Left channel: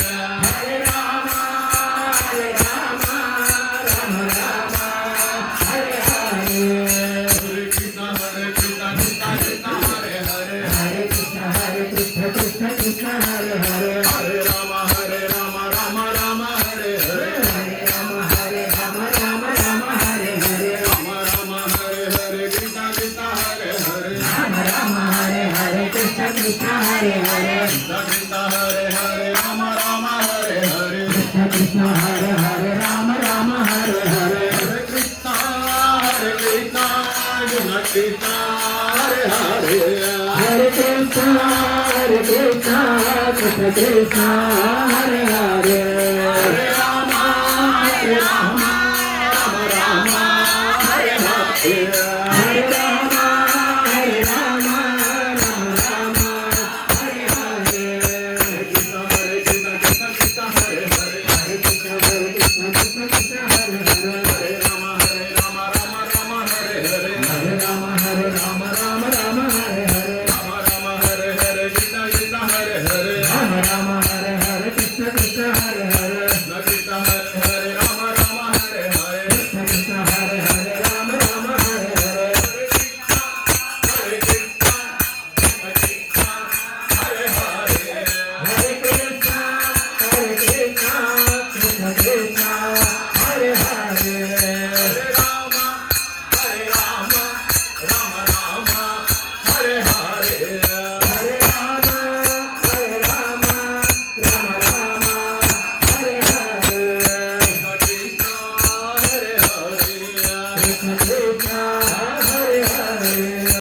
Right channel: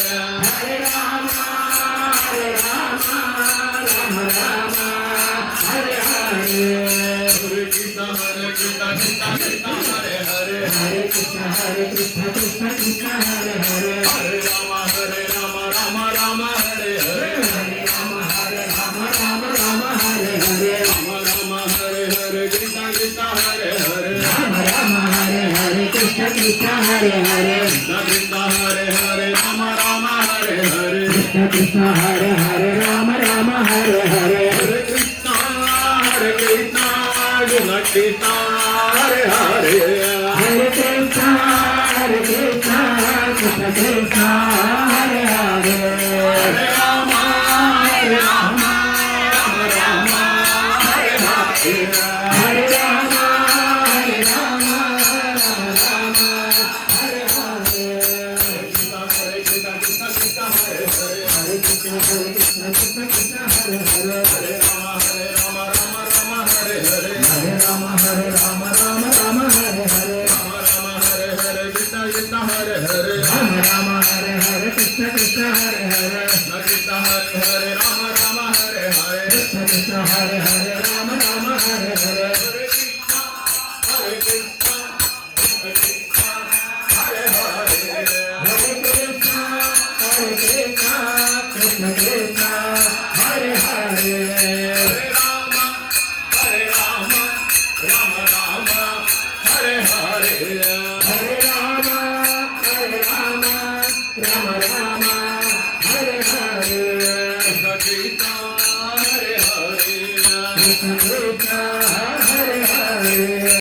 Hare Rama, Hare Rama, Rama Rama, Hare Hare. Hare Krishna, Krishna Krishna, Hare Hare. Hare Krishna, Krishna Krishna, Hare Hare. Hare Rama, Rama Rama, Hare Hare. Hare Rama, Rama Rama, Hare Hare. Rama Rama, Hare Hare, Krishna Krishna, Hare Hare. Rama Rama, Hare Hare, Krishna Krishna, Hare Hare. Krishna Krishna, Hare Hare, Rama Rama, Hare Hare. Krishna Krishna, Hare Hare, Rama Rama, Hare Hare. Hare Krishna, Krishna Krishna, Hare Hare. Hare Krishna, Krishna Krishna, Hare Hare. Hare Rama, Rama Rama, Hare Hare. Hare Rama, Rama Rama, Hare Hare. Hare Krishna, Krishna Krishna, Hare Hare. Hare Krishna, Krishna Krishna, Hare Hare. Hare Rama, Rama Rama, Hare Hare. Hare Rama, Rama Rama, Hare Hare. Rama Rama, Hare Hare, Krishna Krishna, Hare Hare. Rama Rama, Hare Hare, Krishna Krishna, Hare Hare. Krishna Krishna, Hare Hare, Rama Rama, Hare Hare. Krishna Krishna, Hare Hare, Rama Rama, Hare Hare. Hare Krishna, Hare Krishna, Krishna Krishna, Hare Hare. Hare Rama, Rama Rama, Hare Hare.